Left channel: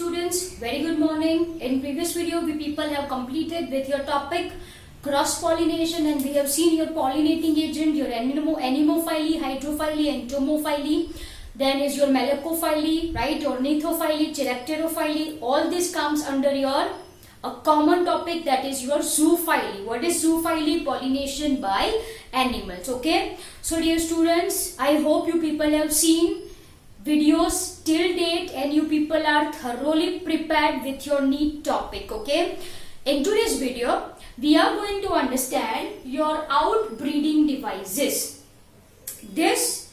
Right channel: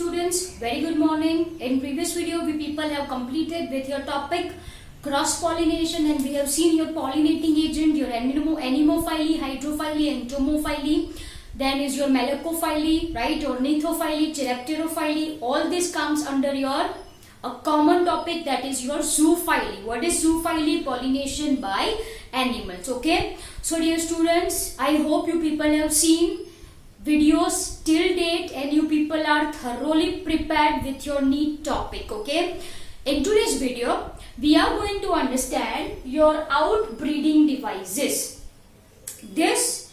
students, very good morning. In previous video we people have completed with your topic cross pollination, and we have seen your pollinating agent, your anemophily, hydrophily, entomophily. Then is your malacophily, right? Ornithophily, chiropterophily. All this comes under your a common topic, that is your zoophily. What is zoophily? Pollination by animals. Okay. So dear students, I hope you people have seen videos till date and you people are thoroughly prepared with your neat topic. Okay. In today's video, we are going to understand your outbreeding devices. This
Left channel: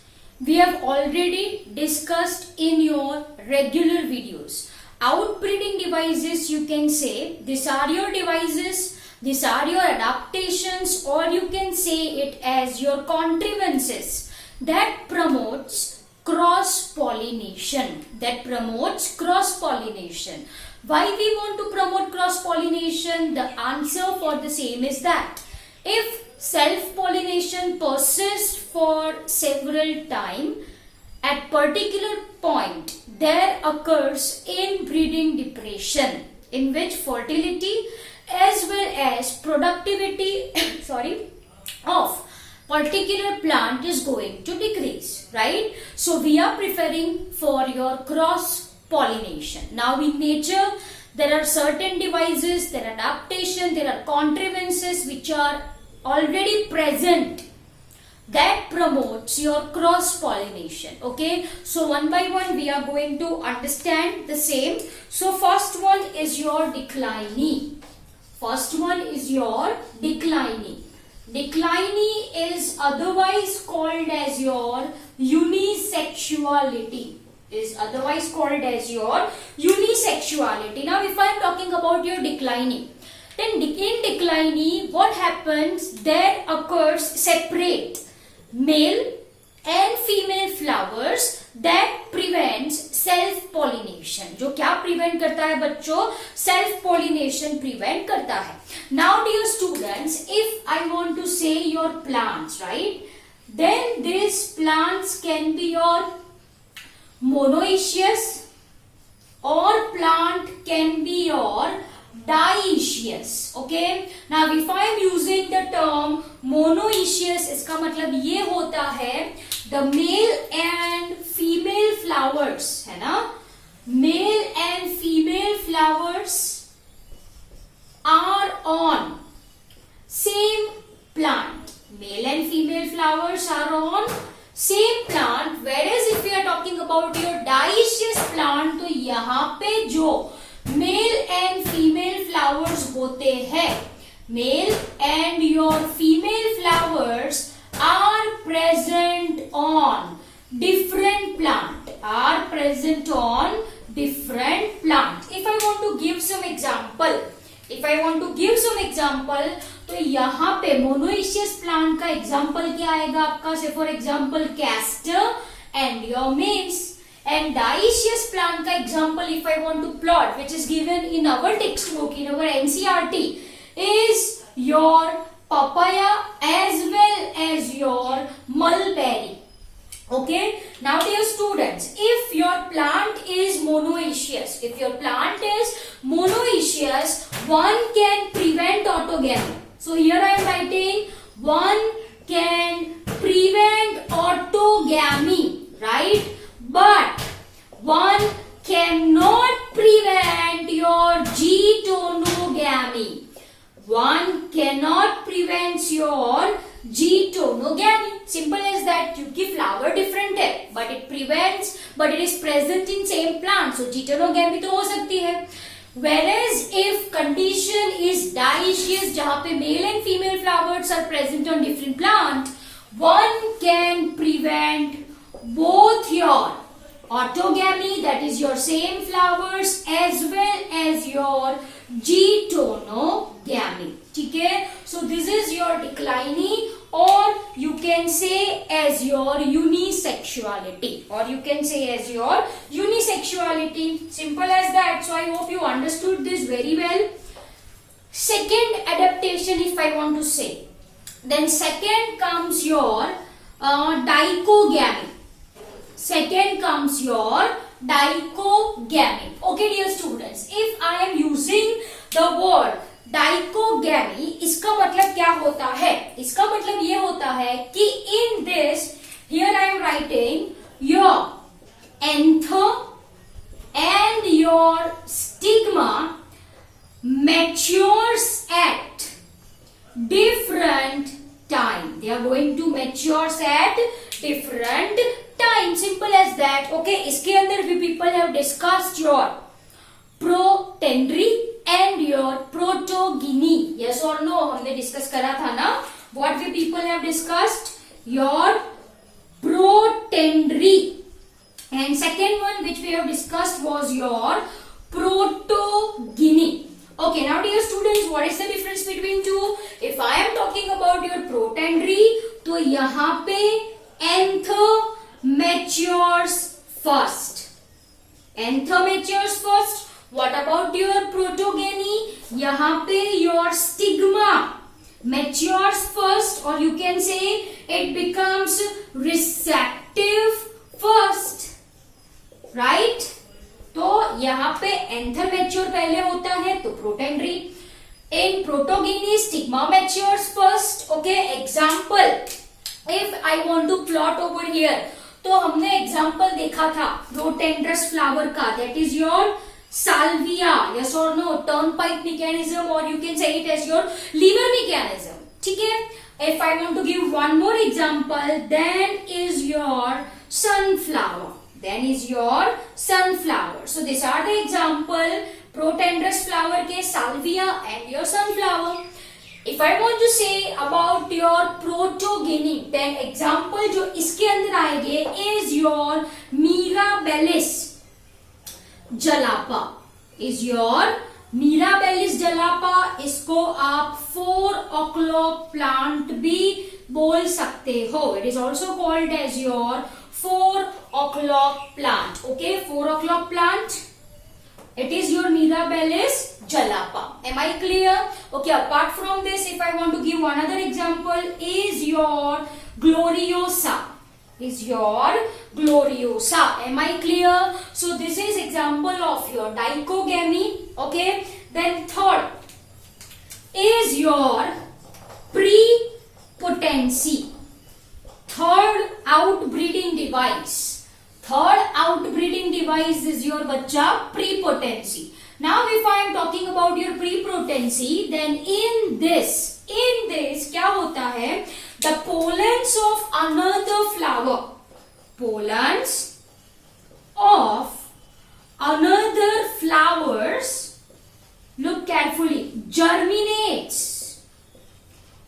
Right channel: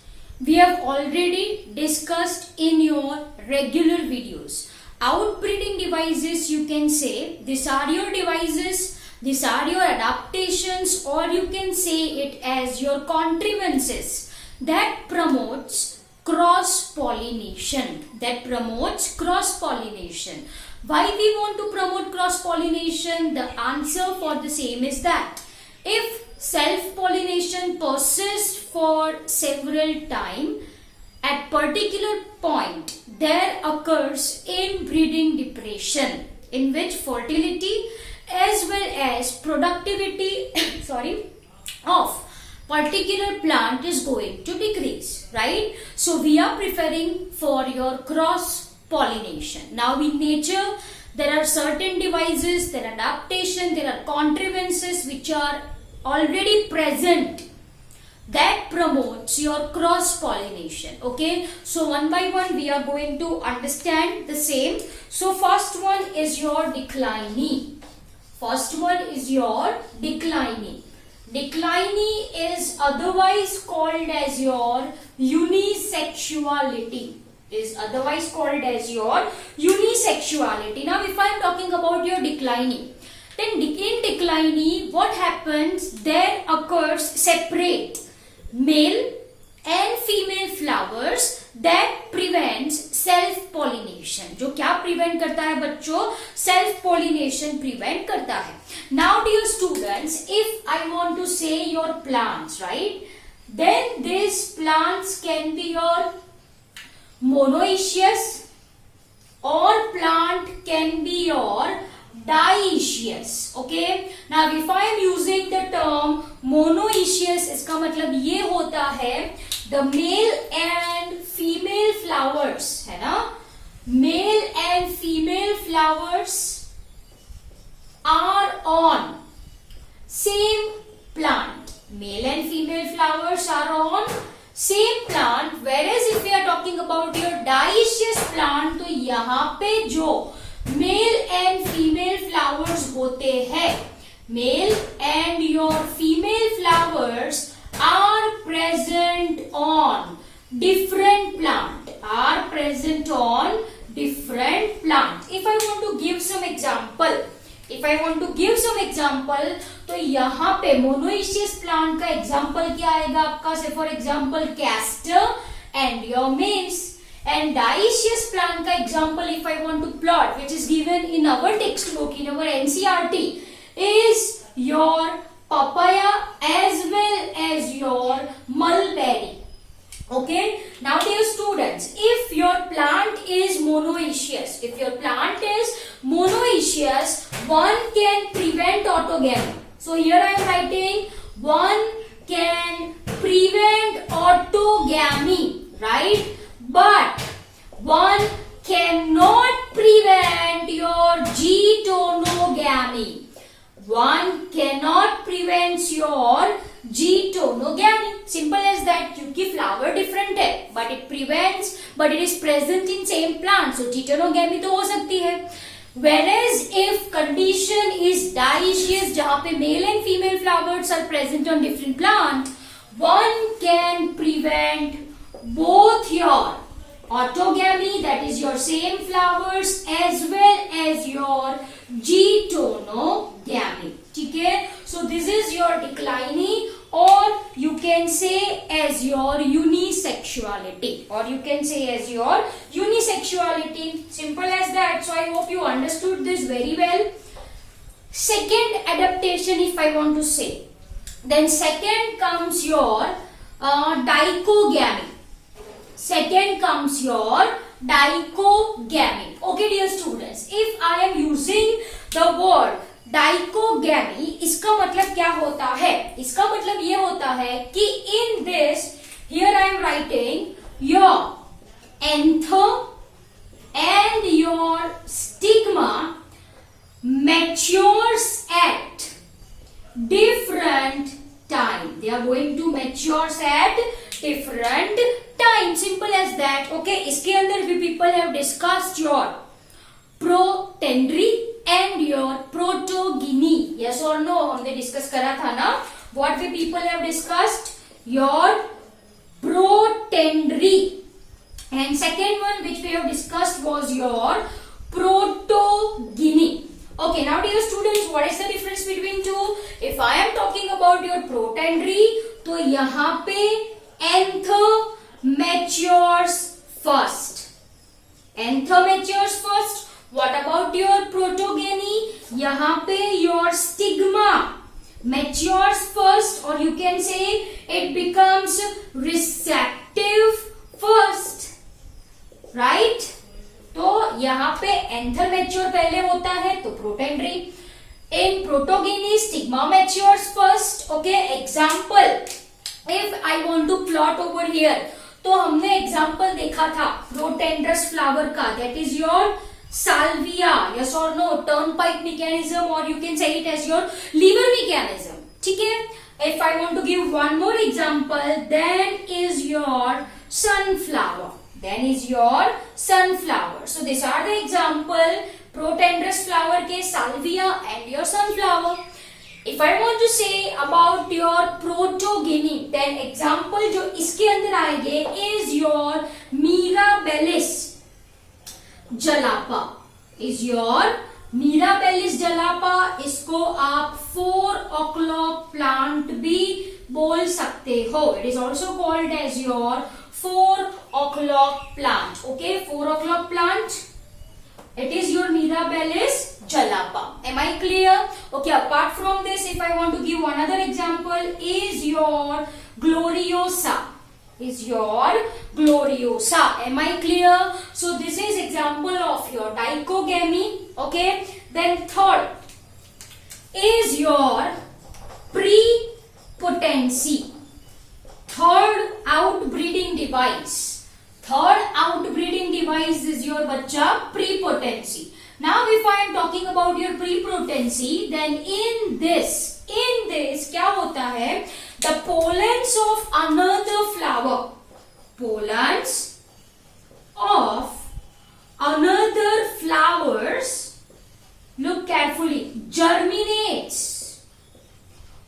we have already discussed in your regular videos. Outbreeding devices, you can say these are your devices, these are your adaptations, or you can say it as your contrivances that promotes cross pollination. Why we want to promote cross pollination? The answer for the same is that if self pollination persists for several time, at particular point there occurs inbreeding depression in which fertility as well as productivity of particular plant is going to decrease, right? So we are preferring for your cross pollination. Now in nature there are certain devices, there are adaptation, there are contrivances which are already present that promotes your cross pollination. Okay, so one by one we are going to understand the same. So first one is your declinee. Declinee is otherwise called as your unisexuality. Now if I am talking about your declinee, then in declinee what happens? There occurs separate male and female flowers that prevents self pollination. जो क्या prevent करता है बच्चों? Self pollination prevent करता है. Now dear students, if I want to say your plants, right, then these plants can be your monoecious or plant can be your dioecious. Okay, now if I am using the term monoecious, इसका मतलब ये होता है the male and female flowers, है ना, male and female flowers are on same plant. Male and female flowers are on same plant, whereas if we are talking about your dioecious plant, तो यहाँ पे जो male and female flowers होते हैं, male and your female flowers are present on different plant. If I want to give some example, तो यहाँ पे monoecious plant का example क्या आएगा आपका? से for example castor and your maize. And dioecious plant का example if I want to plot, which is given in our textbook, in our NCERT, is your papaya as well as your mulberry. Okay. Now dear students, if your plant is monoecious, one can prevent autogamy. So here I am writing one can prevent autogamy, right? But one cannot prevent your getonogamy. Simple as that. क्योंकि flower different है, but it is present in same plant. So getonogamy तो हो सकती है. Whereas if condition is dioecious, जहाँ पे male and female flowers are present on different plant, one can prevent both your autogamy, that is your same flowers, as well as your getonogamy. ठीक है? So this is your declinee, or you can say as your unisexuality. Simple as that. So I hope you understood this very well. Second adaptation, if I want to say, then second comes your dichogamy. Second comes your dichogamy. Okay dear students. होता है? इसका मतलब ये होता है कि in this here I am writing your anthem and your stigma matures at different time. They are going to mature at different time. Simple as that. Okay. इसके अंदर भी people have discussed your protandry and your protogeny. Yes or no? हमने discuss करा था ना? What we people have discussed? Your protandry. And second one which we have discussed was your protogeny. Okay, now dear students, what is the difference between two? If I am talking about your protandry, तो यहाँ पे anther matures first. Anther matures first. What about your protogeny? यहाँ पे your stigma matures first, or you can say it becomes receptive first. Right तो यहाँ पे anther mature पहले होता है तो protandry. In protogyny stigma matures first. Okay, example if I want to plot over here, तो हमने एग्जांपल देखा था प्रोटेंड्रस फ्लावर का, that is your salvia. Yes और नो? टर्नपाइक मैकेनिज्म, और you can say it as your lever mechanism. ठीक है. If I want to give one more example, then is your sunflower. Then is your sunflower. So these are the example protandrous flower के salvia and your sunflower. If I want to say about your protogeny, then example जो इसके अंदर आएंगे is your mirabilis jalapa. Is your mirabilis jalapa. इसको आप 4 o'clock plant भी बोल सकते हो. It is also called as your 4 o'clock plant. Okay, 4 o'clock plant. It is your Mirabilis jalapa. Am I clear? Okay, apart from this, if I want to give one other example, is your Gloriosa. Is your Gloriosa. Am I clear? So this is example of your dichogamy. Okay, then third is your prepotency. Third outbreeding device. Third outbreeding device is your bachcha prepotency. Now if I am talking about your prepotency, then in this क्या होता है? The pollens of another flower. Pollens of another flowers, look carefully, germinates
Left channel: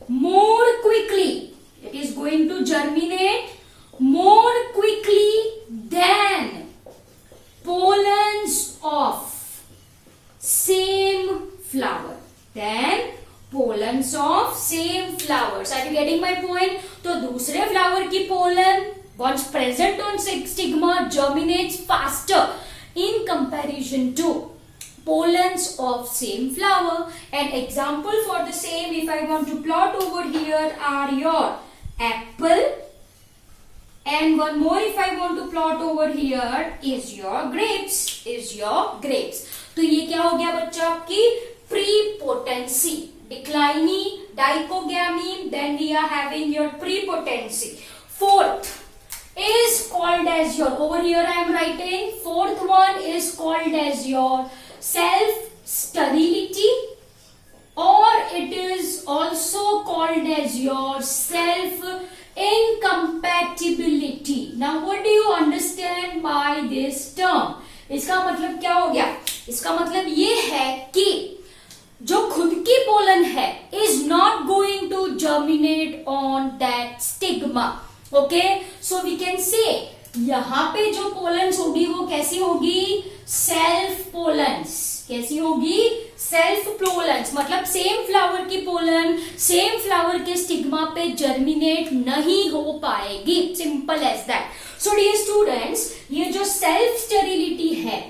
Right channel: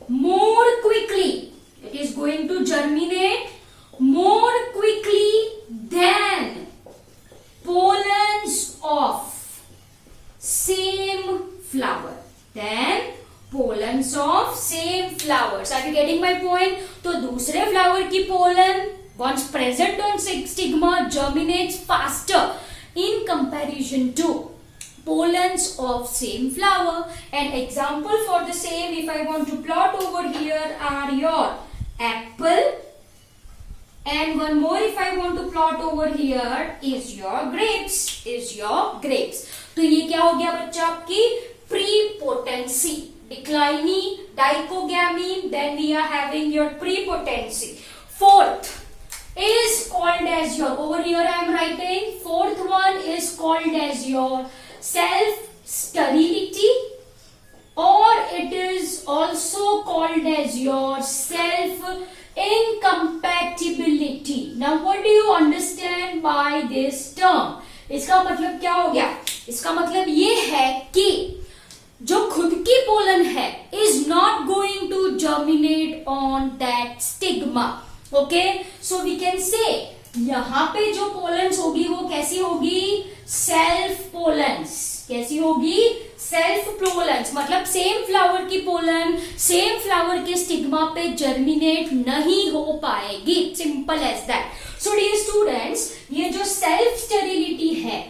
more quickly. It is going to germinate more quickly than pollens of same flower. Then pollens of same flowers. Are you getting my point? तो दूसरे flower की pollen once present on stigma germinates faster in comparison to pollens of same flower. And example for the same, if I want to plot over here, are your apple, and one more if I want to plot over here is your grapes. Is your grapes. तो ये क्या हो गया बच्चा? आपकी prepotency. Declining dichogamy, then we are having your prepotency. Fourth is called as your, over here I am writing, fourth one is called as your self sterility, or it is also called as your self incompatibility. Now what do you understand by this term? इसका मतलब क्या हो गया? इसका मतलब ये है कि जो खुद की पोलन है is not going to germinate on that stigma. Okay, so we can say यहाँ पे जो पोलन्स होगी वो कैसी होगी? Self pollens. कैसी होगी? Self pollens. मतलब सेम फ्लावर की पोलन सेम फ्लावर के स्टिग्मा पे जर्मिनेट नहीं हो पाएगी. Simple as that. So dear students, ये जो सेल्फ स्टेरिलिटी है,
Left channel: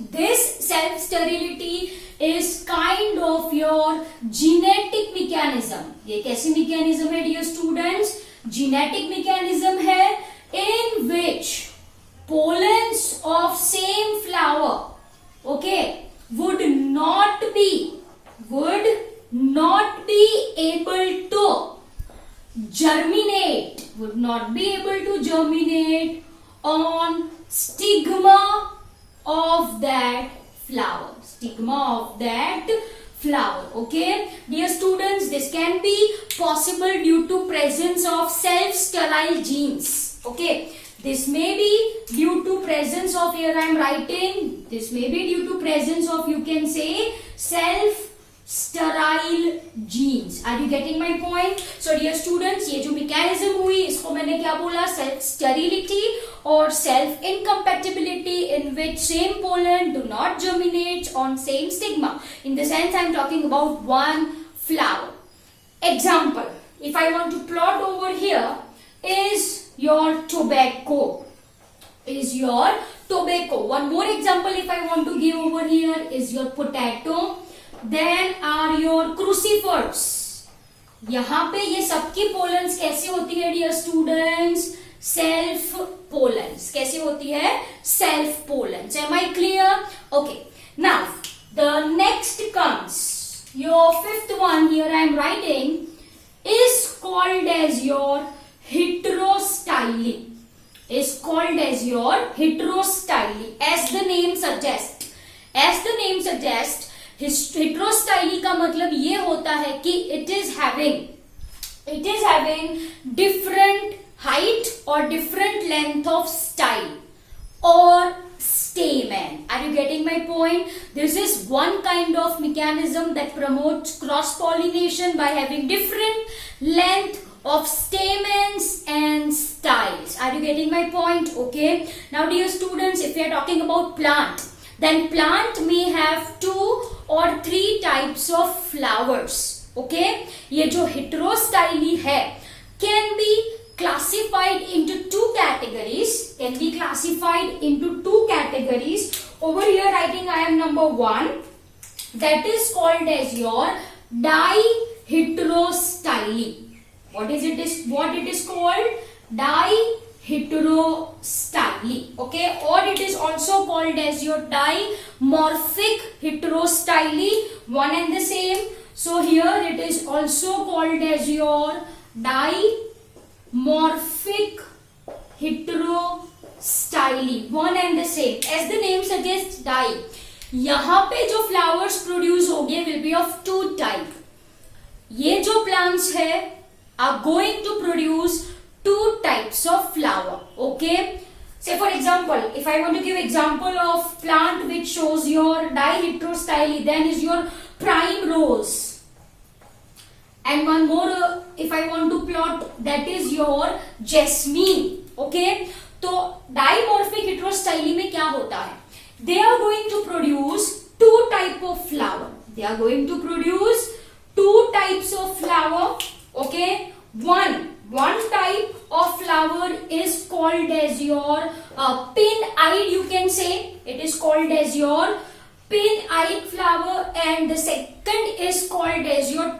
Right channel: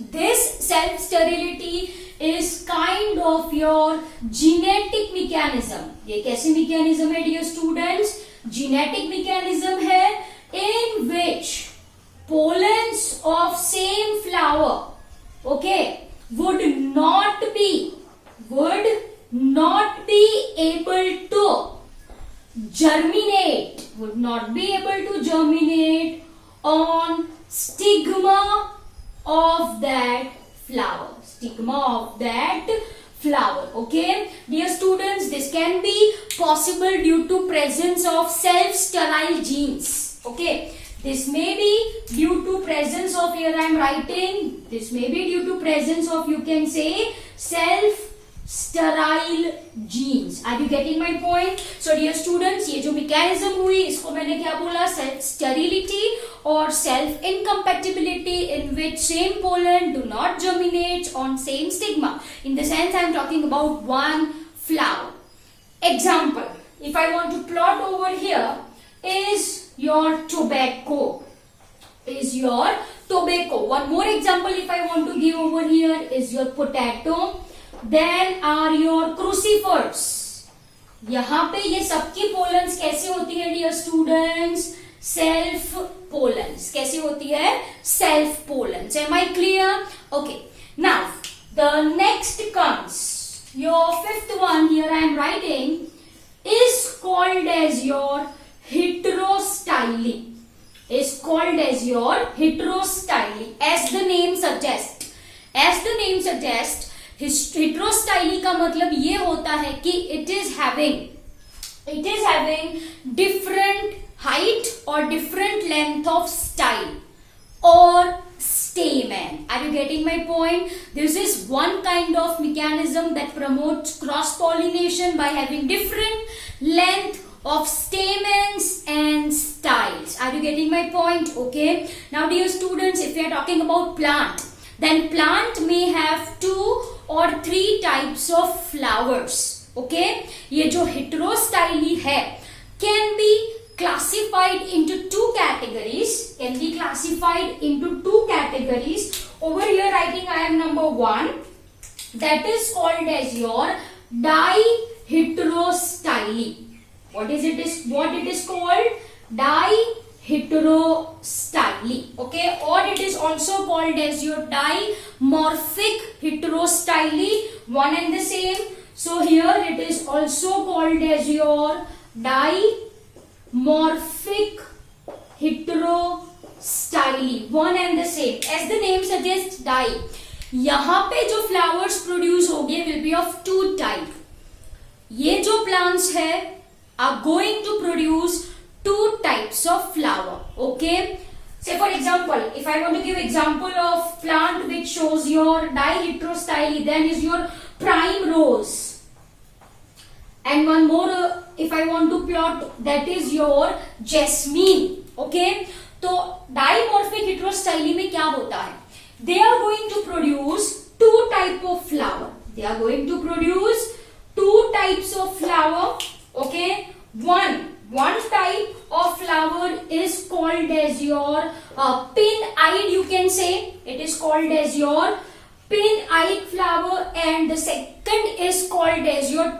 this self sterility is kind of your genetic mechanism. ये कैसी मैकेनिज्म है डियर स्टूडेंट्स? जीनेटिक मैकेनिज्म है in which pollens of same flower, okay, would not be able to germinate, would not be able to germinate on stigma of that flower. Stigma of that flower. Okay, dear students, this can be possible due to presence of self-sterile genes. Okay, this may be due to presence of, here I am writing, this may be due to presence of, you can say, self-sterile genes. Are you getting my point? So dear students, ये जो mechanism हुई, इसको मैंने क्या बोला? Self-sterility or self-incompatibility, in which same pollen do not germinate on same stigma. In the sense I am talking about one flower. Example, if I want to plot over here, is your tobacco. One more example if I want to give over here is your potato. Then are your crucifers. यहाँ पे ये सबकी pollens कैसी होती है dear students? Self pollens. कैसी होती है? Self pollens. Am I clear? Okay. Now the next comes your fifth one. Here I am writing is called as your heterostyly. Is called as your heterostyly. As the name suggests. हेटेरोस्टाइली का मतलब ये होता है कि it is having different height और different length of style और stamen. Are you getting my point? This is one kind of mechanism that promotes cross pollination by having different length of stamens and styles. Are you getting my point? Okay. Now dear students, if we are talking about plant, then plant may have 2 or 3 types of flowers. Okay, ये जो heterostyly है can be classified into 2 categories. Over here writing I am number 1, that is called as your diheterostyly. What it is called? Diheterostyly. Okay, or it is also called as your dimorphic heterostyly, one and the same. So here it is also called as your dimorphic heterostyly, one and the same. As the name suggests, di. यहाँ पे जो flowers produce होंगे will be of 2 type. ये जो plants है are going to produce 2 types of flower. Okay, say for example, if I want to give example of plant which shows your diheterostyly, then is your prime rose, and one more if I want to plot, that is your jasmine. Okay, तो dimorphic heterostyly में क्या होता है? They are going to produce 2 type of flower. Okay, one type of flower is called as your pin-eyed, you can say. It is called as your pin-eyed flower, and the second is called as your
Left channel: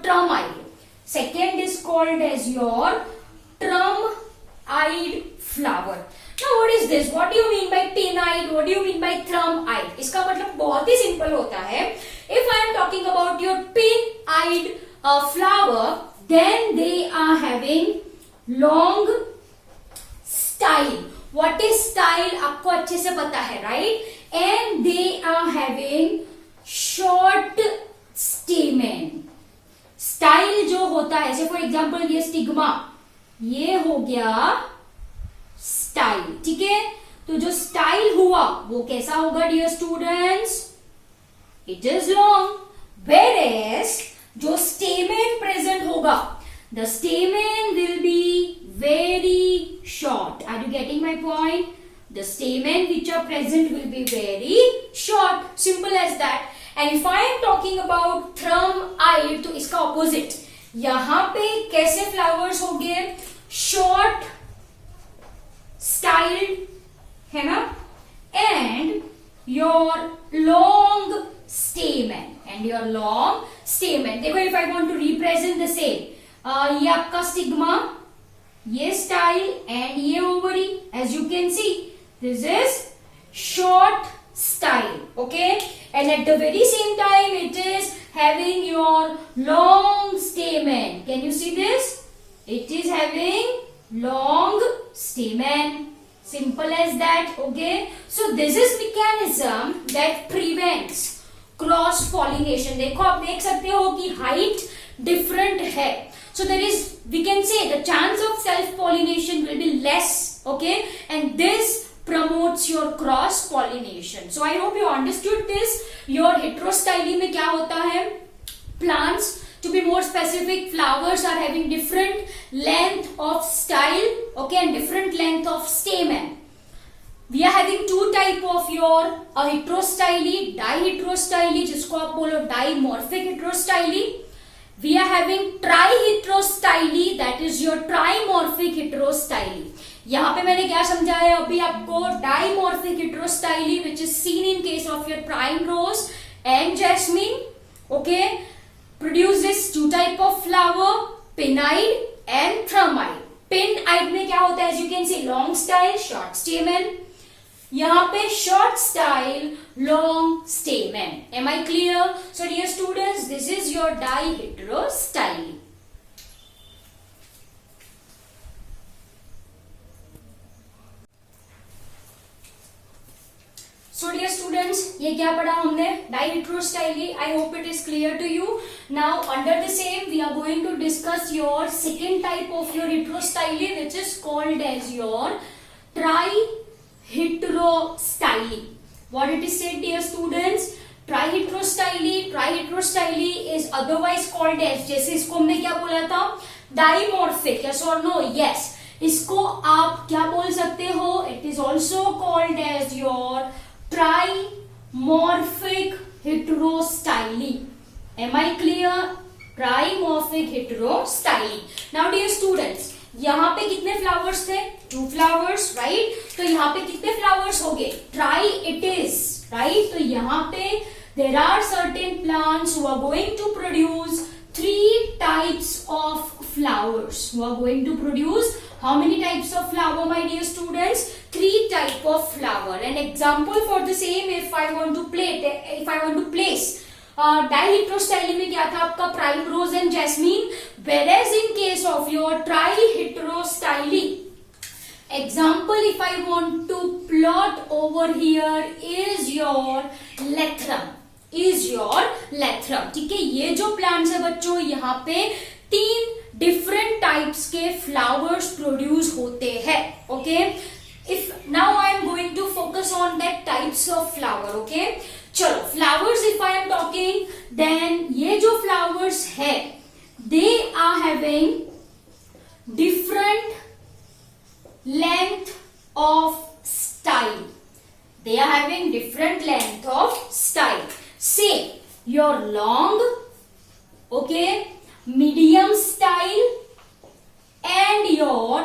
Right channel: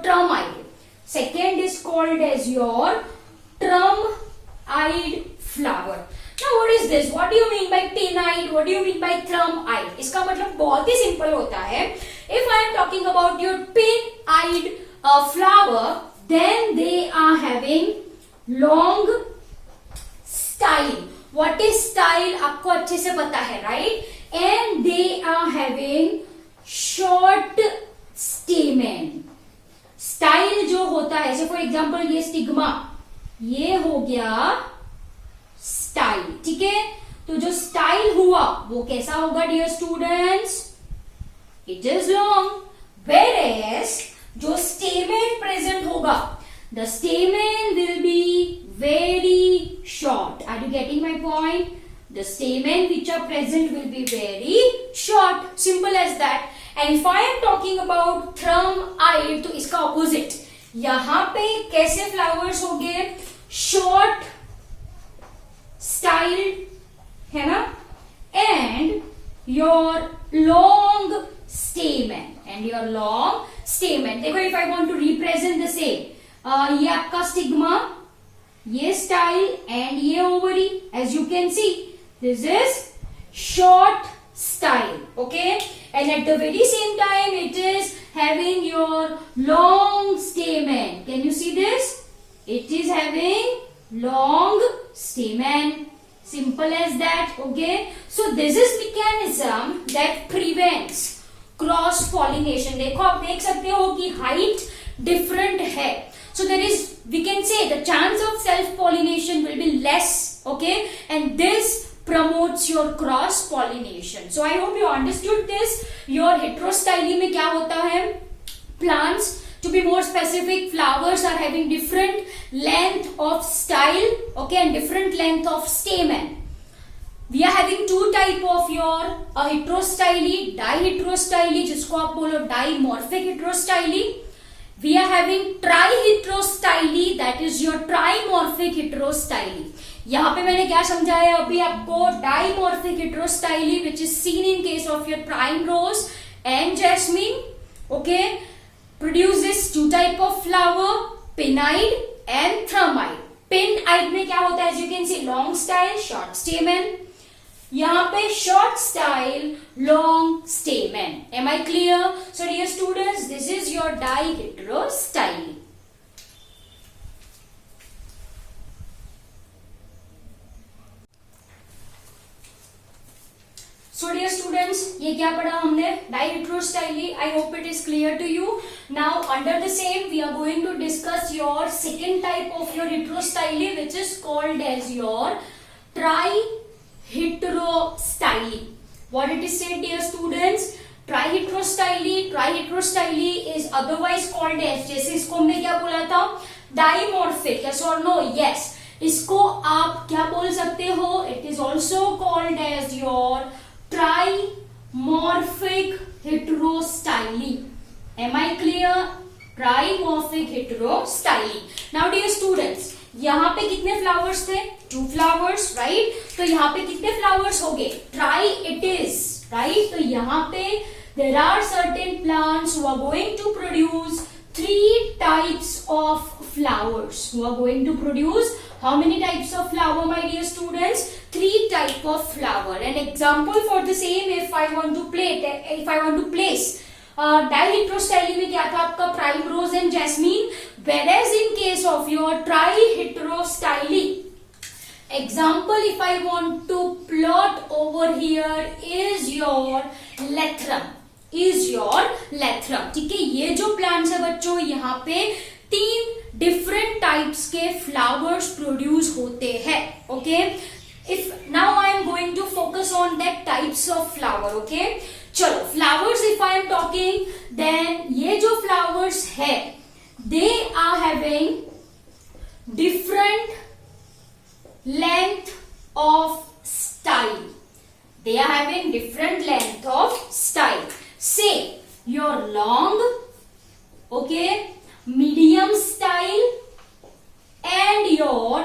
trump-eyed. Flower. Now what is this? What do you mean by pin-eyed? What do you mean by trump-eyed? इसका मतलब बहुत ही simple होता है. If I am talking about your pin-eyed flower, then they are having long style. What is style? आपको अच्छे से पता है, right? And they are having short stamen. Style जो होता है, जैसे for example ये stigma, ये हो गया स्टाइल. ठीक है, तो जो स्टाइल हुआ वो कैसा होगा dear students? It is long. Whereas जो stamen present होगा, the stamen will be very short. Are you getting my point? The stamen which are present will be very short. Simple as that. And if I am talking about thumb-eyed, तो इसका opposite. यहाँ पे कैसे flowers होंगे? Short styled, है ना? And your long stamen. देखो, if I want to represent the same, ये आपका स्टिग्मा, ये स्टाइल एंड ये ovary. As you can see, this is short style. Okay, and at the very same time it is having your long stamen. Can you see this? It is having long stamen. Simple as that. Okay, so this is mechanism that prevents cross pollination. देखो आप देख सकते हो कि height different है, so there is we can say the chance of self pollination will be less. Okay, and this promotes your cross pollination. So I hope you understood this. Your heterostyle में क्या होता है? Plants, to be more specific, flowers are having different length of style, okay, and different length of stamen. We are having two type of your heterostyle, diheterostyle, जिसको आप बोलो dimorphic heterostyle. We are having triheterostyle, that is your trimorphic heterostyle. यहाँ पे मैंने क्या समझाया अभी आपको? Dimorphic heterostyly which is seen in case of your primrose and jasmine. Okay, produces two type of flower, pin eyed and thrum eyed. Pin eyed में क्या होता है? As you can see long style, short stamen. यहाँ पे short style, long stamen. Am I clear? So dear students, this is your diheterostyly. So dear students, ये क्या पढ़ा हमने? Diheterostyle. I hope it is clear to you. Now under the same we are going to discuss your second type of your heterostyle, which is called as your triheterostyle. What it is said, dear students? Triheterostyle is otherwise called as, जैसे इसको हमने क्या बोला था? Dimorphic. Yes or no? Yes. इसको आप क्या बोल सकते हो? It is also called as your trimorphic heterostyle. Am I clear? Trimorphic heterostyle. Now dear students, यहाँ पे कितने फ्लावर्स थे? 2 flowers, right? तो यहाँ पे कितने फ्लावर्स हो गए? Tri it is, right? तो यहाँ पे there are certain plants who are going to produce 3 types of flowers. Who are going to produce how many types of flower, my dear students? 3 type of flower. An example for the same, if I want to place diheterostyle में क्या था आपका? primrose and jasmine. Whereas in case of your triheterostyle, example if I want to plot over here is your lectrum. ठीक है, ये जो plants है बच्चों, यहाँ पे 3 डिफरेंट टाइप्स के फ्लावर्स प्रोड्यूस होते हैं. Okay, if now I am going to focus on that types of flower. Okay, चलो flowers if I am talking, then ये जो फ्लावर्स है they are having different length of style. They are having different length of style. Say your long, okay, medium style and your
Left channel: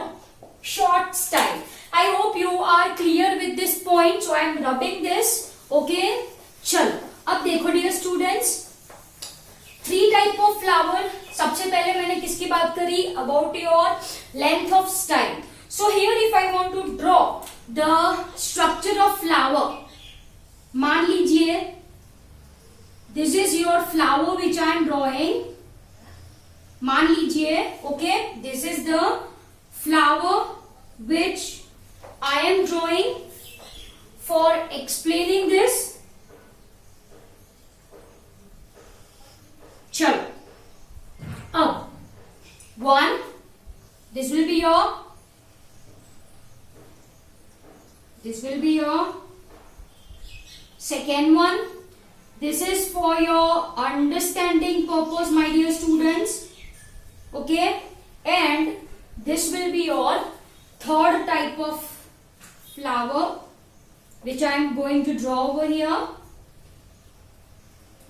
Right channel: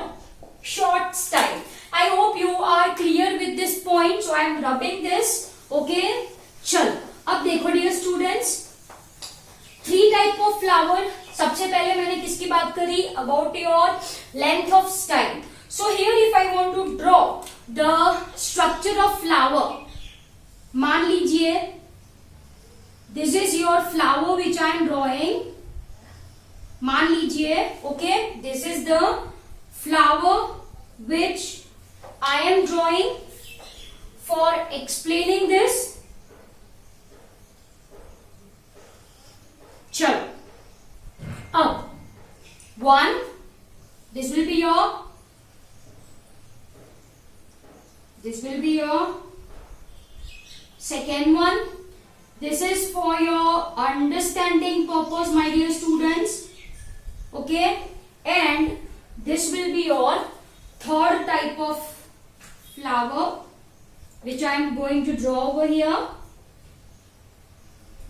short style. I hope you are clear with this point. So I am rubbing this. Okay. चलो अब देखो dear students, 3 type of flower. सबसे पहले मैंने किसकी बात करी? About your length of style. So here if I want to draw the structure of flower, मान लीजिए this is your flower which I am drawing. मान लीजिए, okay, this is the flower which I am drawing. For explaining this, चलो अब 1, this will be your second one. This is for your understanding purpose, my dear students. Okay, and this will be your third type of flower which I am going to draw over here.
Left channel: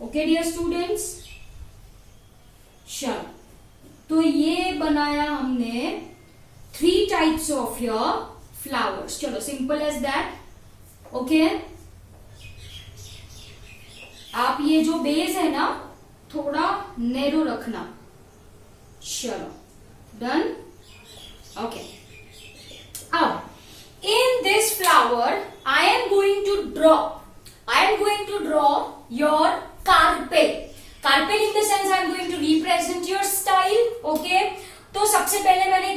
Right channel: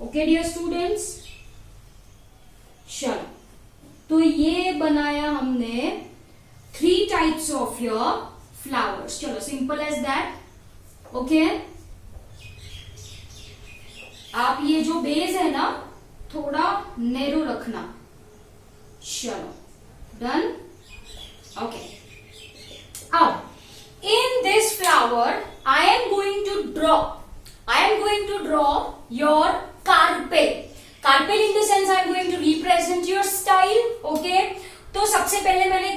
Okay dear students, चलो तो ये बनाया हमने 3 types of your flowers. चलो simple as that. Okay, आप ये जो base है ना थोड़ा नैरो रखना. चलो डन. ओके, अब in this flower I am going to draw your carpel. In the sense I am going to represent your style. Okay, तो तो सबसे पहले मैंने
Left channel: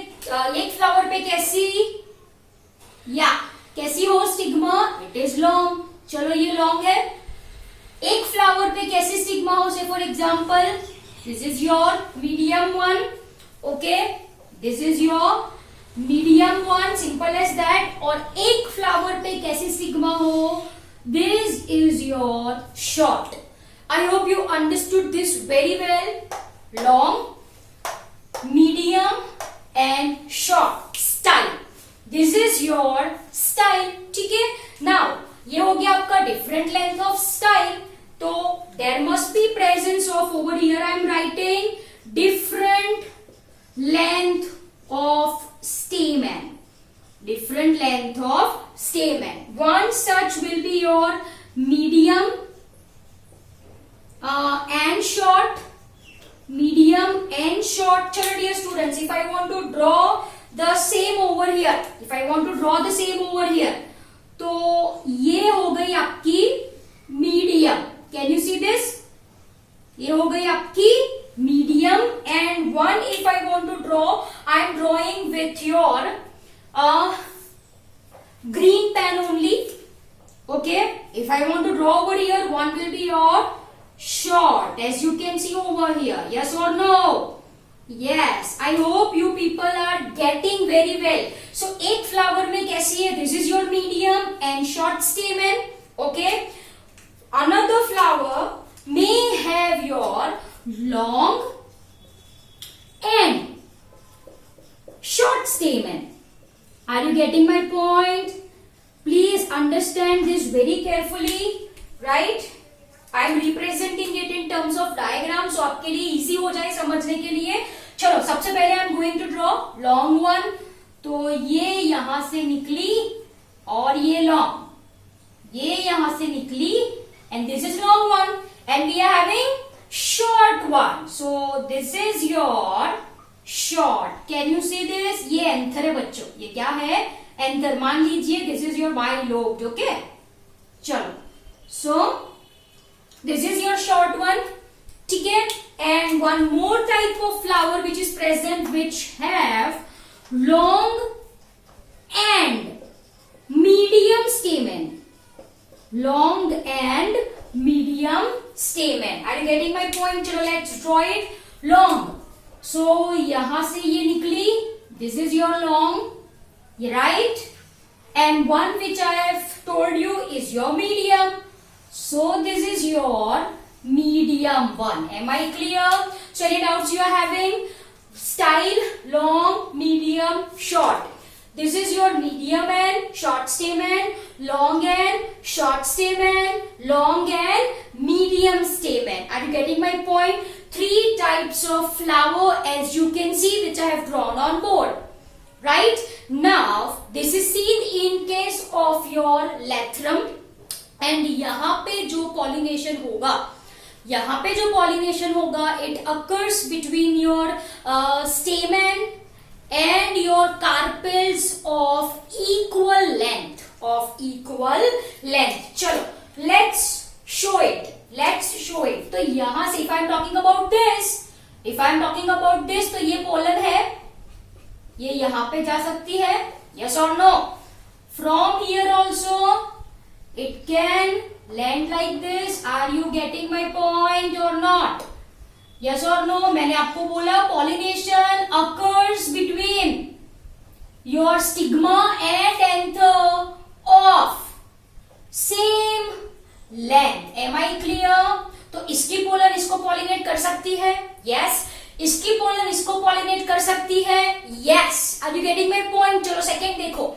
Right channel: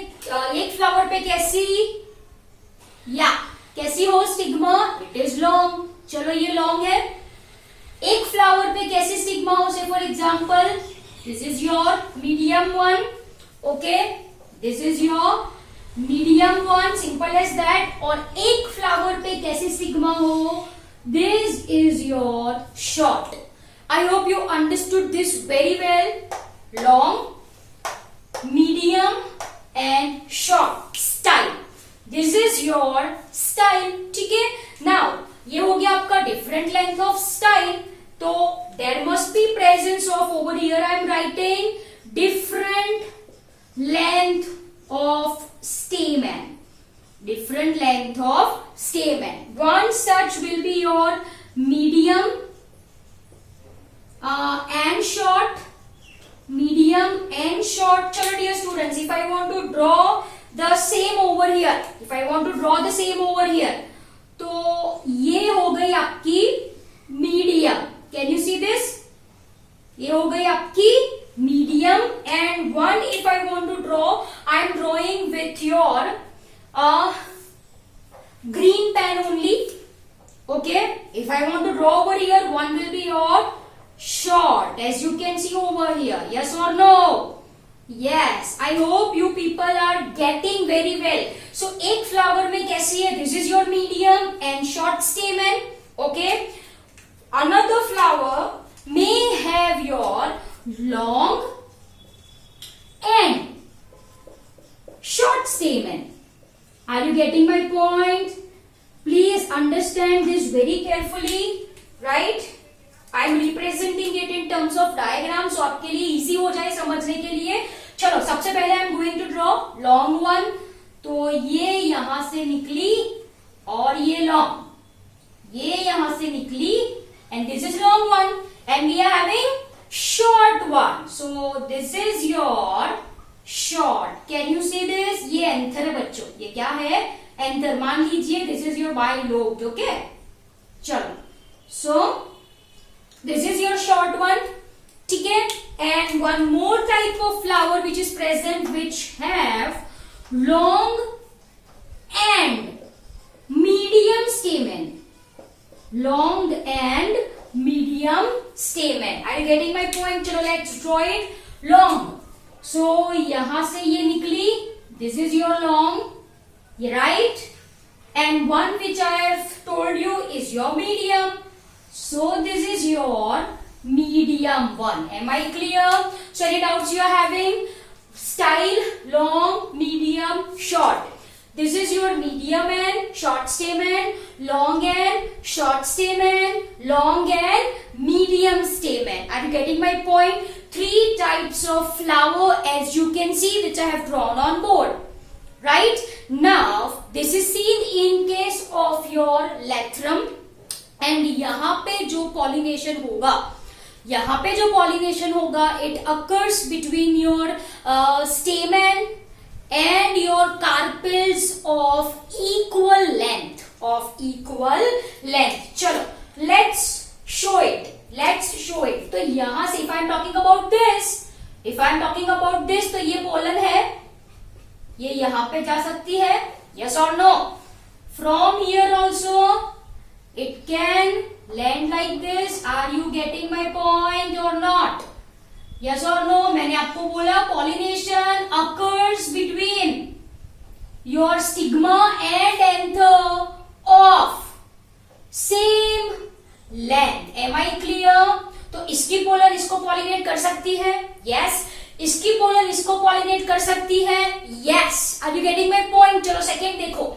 एक फ्लावर पे कैसी हो स्टिग्मा, इट इज लॉन्ग। चलो ये लॉन्ग है। एक फ्लावर पे कैसी स्टिग्मा हो, say for example this is your medium one, okay, this is your medium one, simple as that. और एक फ्लावर पे कैसी स्टिग्मा हो, this is your short. I hope you understood this very well. Long, medium and short style, this is your style, ठीक है। Now ये हो गया आपका डिफरेंट लेंथ ऑफ स्टाइल, तो there must be presence of, over here I am writing different length of stamen, different length of stamen. One such will be your medium and short, medium and short. Chalo dear students, if I want to draw the same over here, तो ये हो गई आपकी medium, can you see this, ये हो गई आपकी medium, and one if I want to draw, I am drawing with your green pen only, okay. If I want to draw over here, one will be your short, as you can see over here, yes or no? Yes, I hope you people are getting very well. So एक flower में कैसी है, this is your medium and short stamen, okay. Another flower may have your long and short stamen. Are you getting my point? Please understand this very carefully, right? I am representing it in terms of diagram, so आपके लिए easy हो जाए समझने के लिए। चलो सबसे पहले I am going to draw long one, तो ये यहां से निकली और ये long, ये यहां से निकली and this is long one, and we are having short one, so this is your short. Can you see this? ये एंथर है बच्चों, ये क्या है, एंथर। मान लीजिए this is your bilobed, okay. चलो, so this is your short one, ठीक है। And one more type of flower which is present, which have long and medium stamen, long and medium stamen. Are you getting my point? चलो let's draw it. Long, so यहां से ये निकली, this is your long, right? And one which I have told you is your medium, so this is your medium one. Am I clear? So any doubts you are having? Style long, medium, short. This is your medium and short stamen, long and short stamen, long and medium stamen. Are you getting my point? Three types of flower, as you can see, which I have drawn on board. Right? Now, this is seen in case of your lathrum. And यहाँ पे जो pollination होगा, it occurs between your stamen and your carpels of equal length, चलो let's show it. तो यहां से if I am talking about this, तो ये pollen है, ये यहां पे जा सकती है, yes or no? From here also it can land like this. Are you getting my point or not? Yes or no? मैंने आपको बोला pollination occurs between your stigma and anther of same length. Am I clear? तो इसकी pollen इसको pollinate कर सकती है, yes. इसकी पोलन इसको pollinate कर सकती है, yes. Are you getting my point? चलो सेकेंड देखो,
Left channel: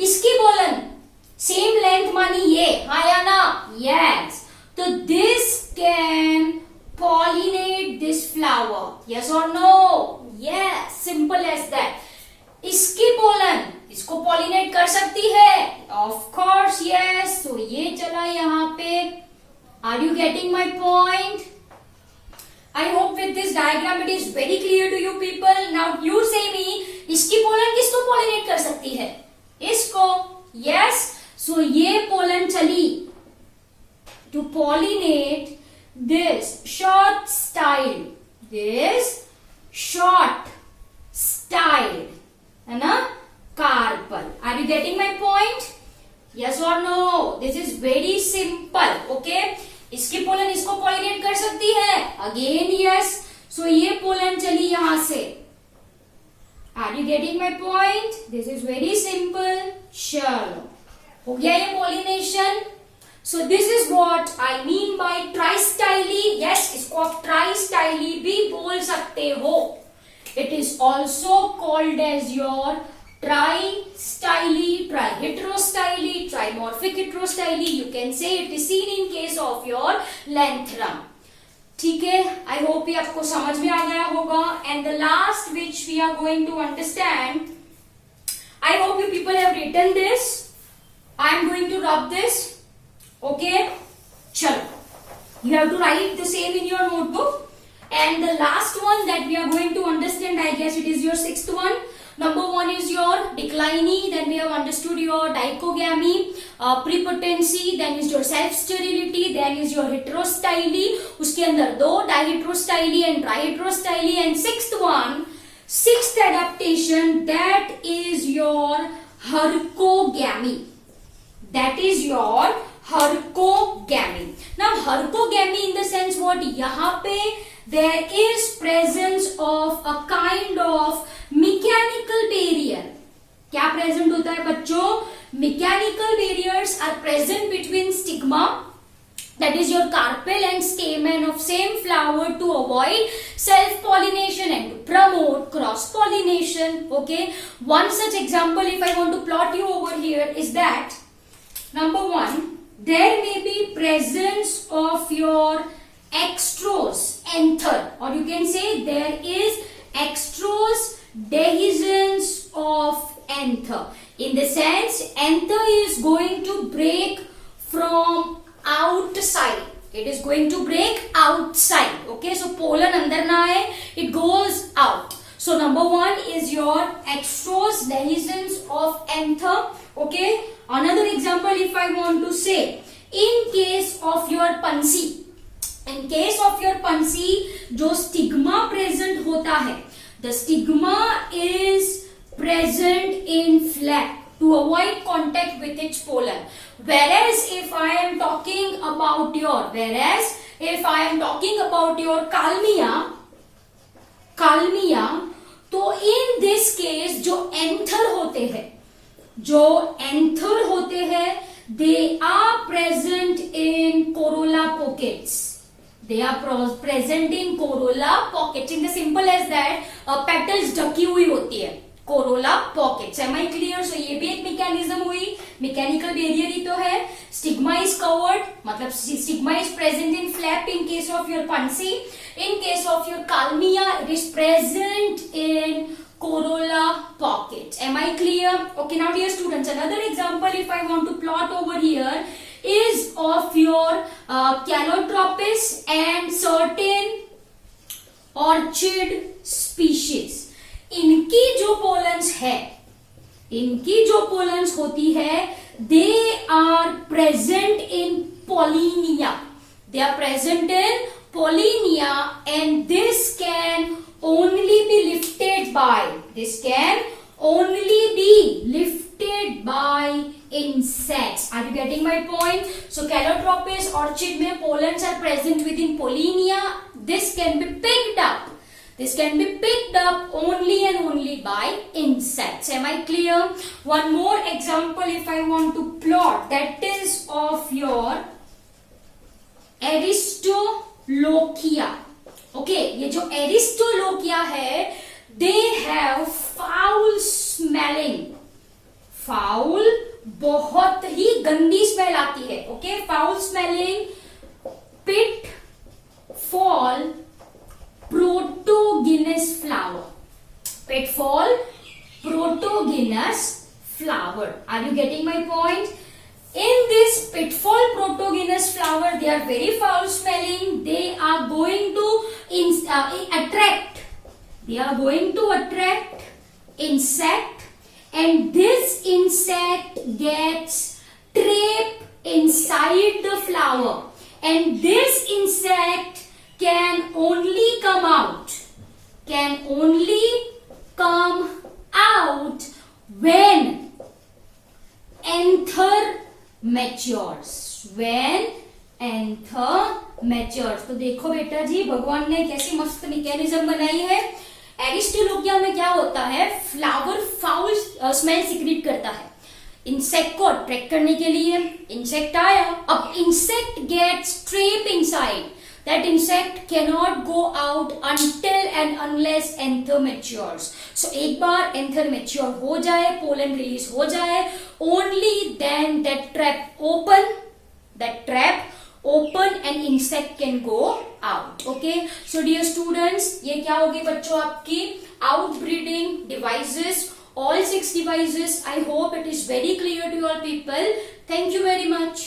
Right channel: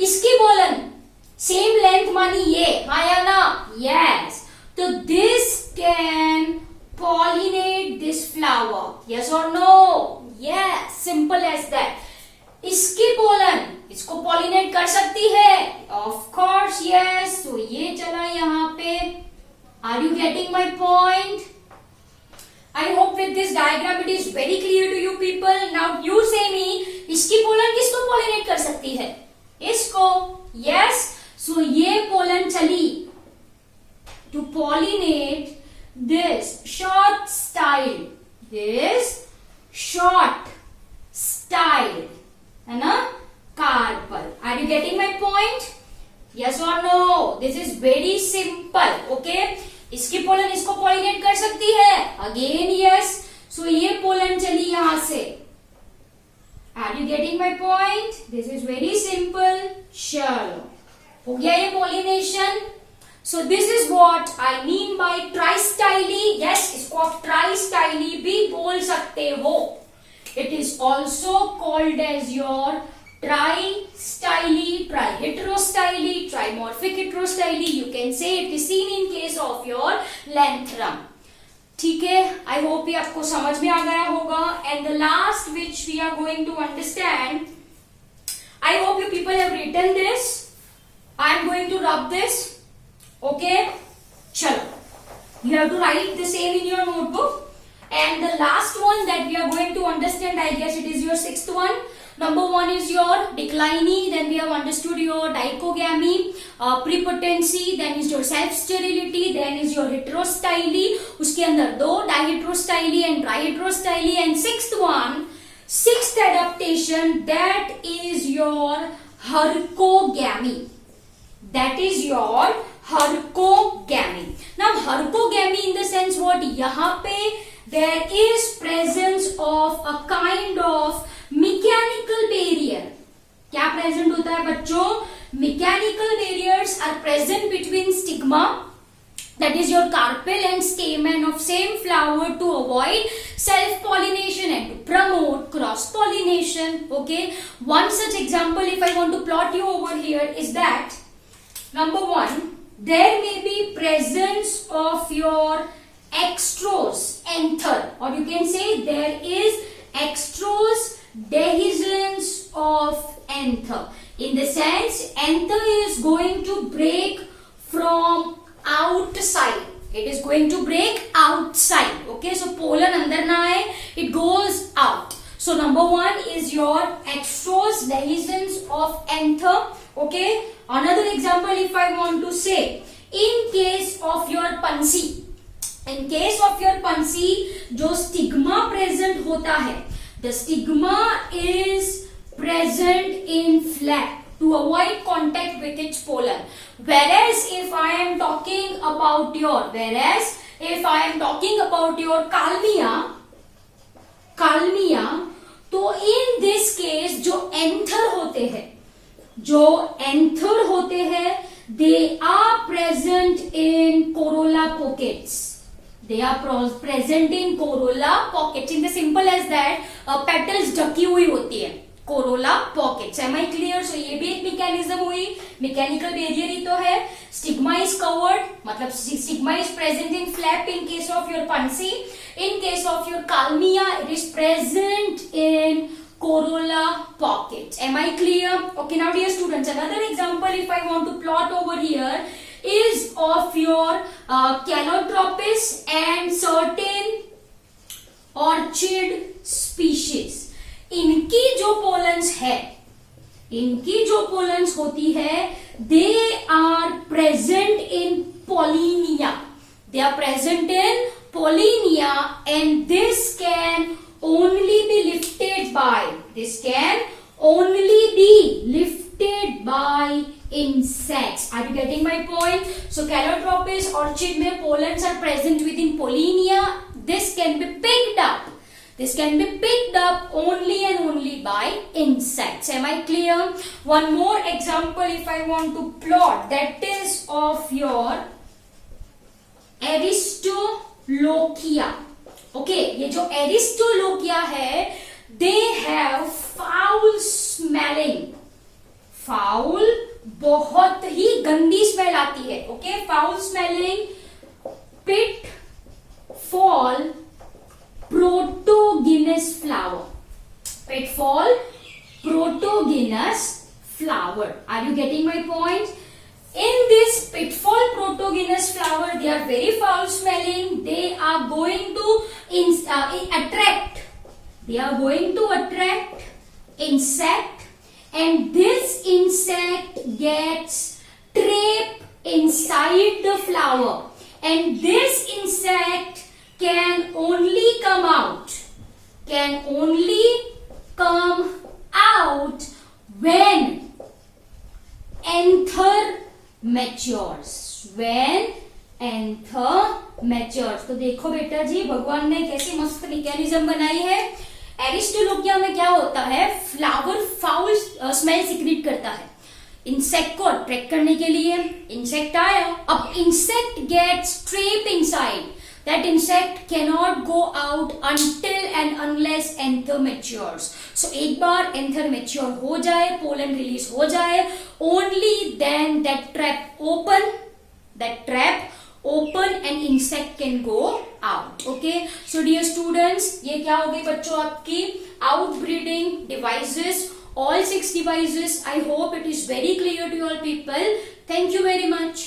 इसकी पोलन सेम लेंथ मानी ये, हाँ या ना, yes. तो this can pollinate this flower, yes or no? Yes, simple as that. इसकी पोलन इसको pollinate कर सकती है, of course yes. तो ये चला यहाँ पे. Are you getting my point? I hope with this diagram it is very clear to you people. Now you say me, इसकी पोलन किसको pollinate कर सकती है? इसको, yes. So ये पोलन चली to pollinate this short styled, है ना, carpel. Are you getting my point? Yes or no? This is very simple. Okay? इसकी पोलन इसको पॉलिनेट कर सकती है? Again yes. So ये पोलन चली यहां से. Are you getting my point? This is very simple. चलो, हो गया ये pollination. So this is what I mean by tristyly. Yes, इसको आप tristyly भी बोल सकते हो. It is also called as your tristyly, triheterostyly, trimorphic heterostyly. You can say it is seen in case of your lanthanum. ठीक है, I hope ये आपको समझ में आ गया होगा. And the last which we are going to understand, I hope you people have written this. I am going to rub this. Okay, chalo. You have to write the same in your notebook. And the last one that we are going to understand, I guess it is your sixth one. Number one is your decline, then we have understood your dichogamy, prepotency, then is your self-sterility, then is your heterostyly, उसके अंदर दो diheterostyly and triheterostyly, and sixth adaptation, that is your hercogamy. That is your hercogamy. Now hercogamy in the sense what, यहाँ पे there is presence of a kind of mechanical barrier. क्या present होता है बच्चों? Mechanical barriers are present between stigma, that is your carpel, and stamen of same flower to avoid self-pollination and to promote cross-pollination. Okay, one such example if I want to plot you over here is that, number one, there may be presence of your extrose anther, or you can say there is extrose dehiscence of anther. In the sense, anther is going to break from outside. It is going to break outside. Okay, so pollen andar na hai, it goes out. So number one is your extrose dehiscence of anther. Okay, another example if I want to say, in case of your pansy, in case of your pansy, जो stigma present होता है, the stigma is present in flap to avoid contact with its pollen. Whereas if I am talking about your calmia, तो in this case जो anther होते हैं, they are present in corolla pockets. They are present in corolla pockets. In the simple as that, petals ढकी हुई होती है, corolla pockets. Am I clear? So ये भी एक mechanism हुई, mechanical barrier ही तो है. Stigma is covered, मतलब stigma is present in flap in case of your pansy. In case of your calmia, it is present in corolla pockets. Am I clear? Okay, now dear students, another example if I want to plot over here is of your Calotropis and certain orchid species. इनकी जो pollens होती है, they are present in pollinia. They are present in pollinia, and this can only be lifted by insects. Are you getting my point? So Calotropis orchid में pollens are present within pollinia. This can be picked up only and only by insects. Am I clear? One more example if I want to plot, that is of your Aristolochia. Okay, ये जो Aristolochia है, they have foul smelling. Foul, बहुत ही गंदी smell आती है. Okay, foul smelling pitfall protogynous flower. Pitfall protogynous flower. Are you getting my point? In this pitfall protogynous flower, they are very foul smelling. They are going to attract. They are going to attract insect, and this insect gets trapped inside the flower, and this insect can only come out when anther matures. When anther matures. तो देखो बेटा जी, भगवान ने कैसी मस्त mechanism बनाई है. एरिस्टोलोकिया में क्या होता है, फ्लावर फाउल स्मेल सिक्रीट करता है इंसेक्ट को अट्रैक्ट करने के लिए. इंसेक्ट आया, अब insect gets trapped inside. That insect cannot go out until and unless anther matures. So एक बार anther mature हो जाए, pollen release हो जाए, only then that trap open and insect can go out. Okay. So dear students, ये क्या होगी बच्चों आपकी outbreeding devices, all 6 devices. I hope it is very clear to you all people. Thank you very much.